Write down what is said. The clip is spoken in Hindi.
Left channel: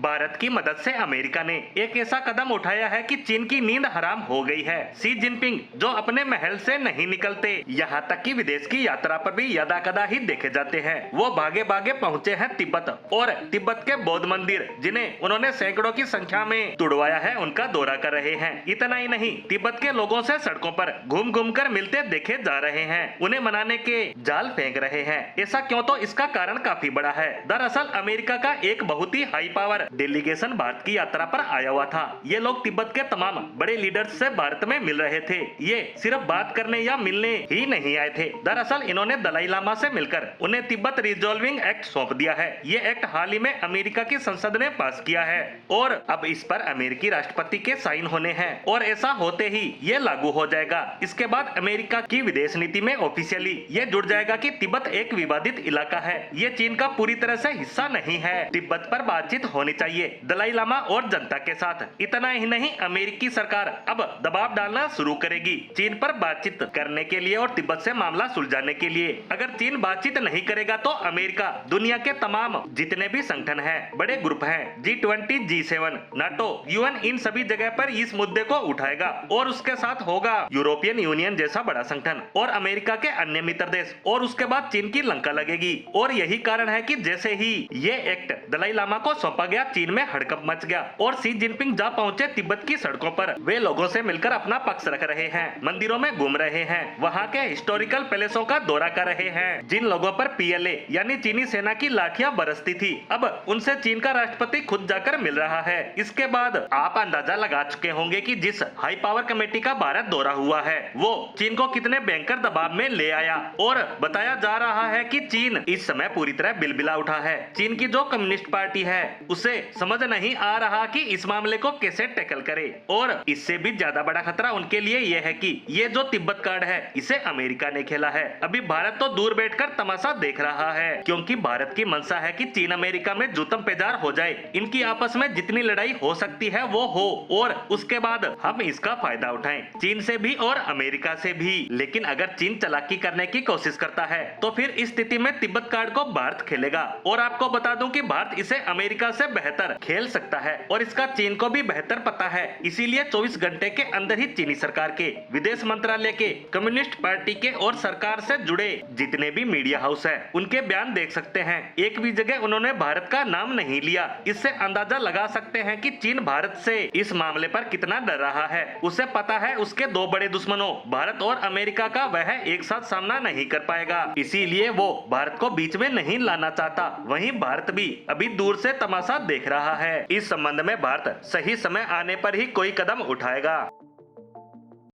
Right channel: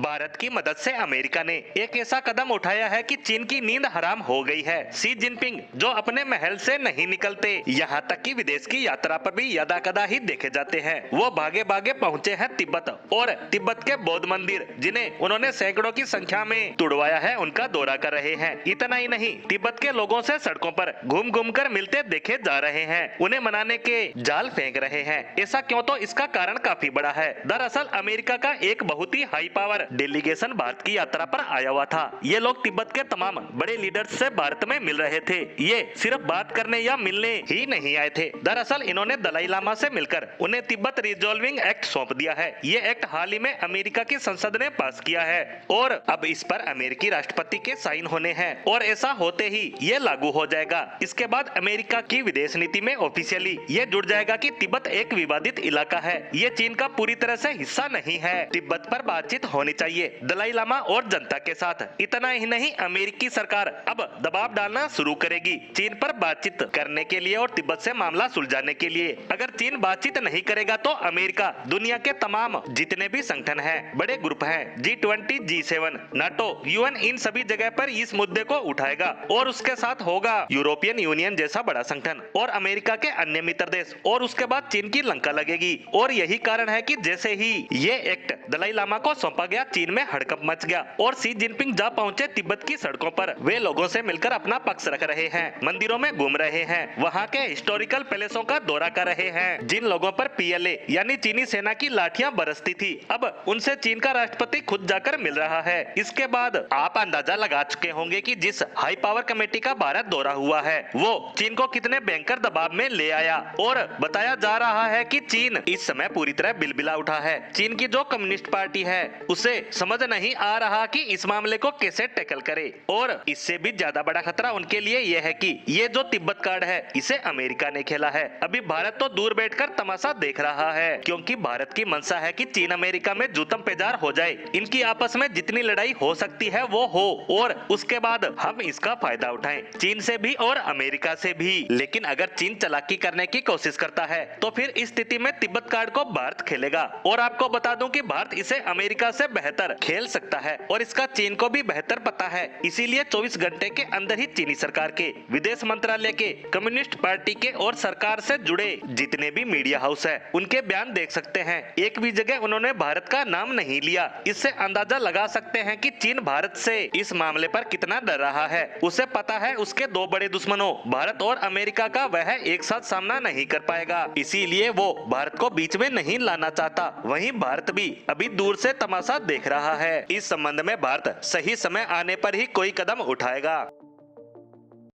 भारत की मदद से अमेरिका ने एक ऐसा कदम उठाया है कि चीन की नींद हराम हो गई है। शी जिनपिंग जो अपने महल से नहीं निकलते, यहाँ तक कि विदेश की यात्रा पर भी यदा कदा ही देखे जाते हैं। वो भागे भागे पहुँचे हैं तिब्बत और तिब्बत के बौद्ध मंदिर जिन्हें उन्होंने सैकड़ों की संख्या में तुड़वाया है, उनका दौरा कर रहे हैं। इतना ही नहीं, तिब्बत के लोगों से सड़कों पर घूम घूम कर मिलते देखे जा रहे हैं, उन्हें मनाने के जाल फेंक रहे हैं। ऐसा क्यों? तो इसका कारण काफी बड़ा है। दरअसल अमेरिका का एक बहुत ही हाई पावर डेलीगेशन भारत की यात्रा पर आया हुआ था। ये लोग तिब्बत के तमाम बड़े लीडर्स से भारत में मिल रहे थे। ये सिर्फ बात करने या मिलने ही नहीं आए थे। दरअसल इन्होंने दलाई लामा से मिलकर उन्हें तिब्बत रिजॉल्विंग एक्ट सौंप दिया है। ये एक्ट हाल ही में अमेरिका की संसद ने पास किया है और अब इस पर अमेरिकी राष्ट्रपति के साइन होने हैं और ऐसा होते ही ये लागू हो जाएगा। इसके बाद अमेरिका की विदेश नीति में ऑफिशियली ये जुड़ जाएगा कि तिब्बत एक विवादित इलाका है, ये चीन का पूरी तरह से हिस्सा नहीं है। तिब्बत पर बातचीत होनी चाहिए दलाई लामा और जनता के साथ। इतना ही नहीं, अमेरिकी सरकार अब दबाव डालना शुरू करेगी चीन पर बातचीत करने के लिए और तिब्बत से मामला सुलझाने के लिए। अगर चीन बातचीत नहीं करेगा तो अमेरिका दुनिया के तमाम जितने भी संगठन हैं, बड़े ग्रुप हैं, G20, G7, नाटो, UN, इन सभी जगह पर इस मुद्दे को उठाएगा और उसके साथ होगा यूरोपियन यूनियन जैसा बड़ा संगठन और अमेरिका के अन्य मित्र देश और उसके बाद चीन की लंका लगेगी। और यही कारण है कि जैसे ही ये एक्ट दलाई लामा को सौंपा गया, चीन में हड़कंप मच गया और शी जिनपिंग जा पहुंचे तिब्बत की सड़कों पर। वे लोगों से मिलकर अपना पक्ष रख रहे हैं, मंदिरों में घूम रहे हैं, वहां के हिस्टोरिकल पैलेसों का दौरा कर रहे हैं। जिन लोगों पर PLA यानी चीनी सेना की लाठियां बरसती थी, अब उनसे चीन का राष्ट्रपति खुद जाकर मिल रहा है। इसके बाद आप अंदाजा लगा चुके होंगे कि जिस हाई पावर कमेटी का भारत दौरा हुआ है वो चीन को कितने भयंकर दबाव में ले आया और बताया जा रहा है कि चीन इस समय पूरी तरह बिलबिला उठा है। चीन की जो कम्युनिस्ट पार्टी है उसे समझ नहीं आ रहा कि इस मामले को कैसे टैकल करे और इससे भी ज्यादा बड़ा खतरा उनके लिए यह है कि ये जो तिब्बत कार्ड है इसे अमेरिका ने खेला है। अभी भारत तो दूर बैठकर तमाशा देख रहा है क्योंकि भारत की मंशा है कि चीन अमेरिका में जूतम पेजार हो जाए, इनकी आपस में जितनी लड़ाई हो सकती है वो हो और उसके बाद हम इसका फायदा उठाएं, चीन से भी और अमेरिका से भी। लेकिन अगर चीन चालाकी करने की कोशिश करता है तो फिर इस स्थिति में तिब्बत कार्ड को भारत खेलेगा और आपको बता दूं कि भारत इसे अमेरिका से बेहतर खेल सकता है और इसका चीन को भी बेहतर पता है। इसीलिए 24 घंटे के अंदर ही चीनी सरकार के, विदेश मंत्रालय के, कम्युनिस्ट पार्टी के और सरकार से जुड़े जितने भी मीडिया हाउस है उनके बयान देख सकते हैं। एक भी जगह उन्होंने भारत का नाम नहीं लिया। इससे अंदाजा लगा सकते हैं कि चीन भारत से इस मामले पर कितना डर रहा है। उसे पता है उसके दो बड़े दुश्मनों भारत और अमेरिका का वह एक साथ सामना नहीं कर पाएगा, इसीलिए वो भारत को बीच में नहीं लाना चाहता। वहीं भारत भी अभी दूर से तमाशा देख रहा है। इस संबंध में भारत सही समय आने पर ही कोई कदम उठाएगा।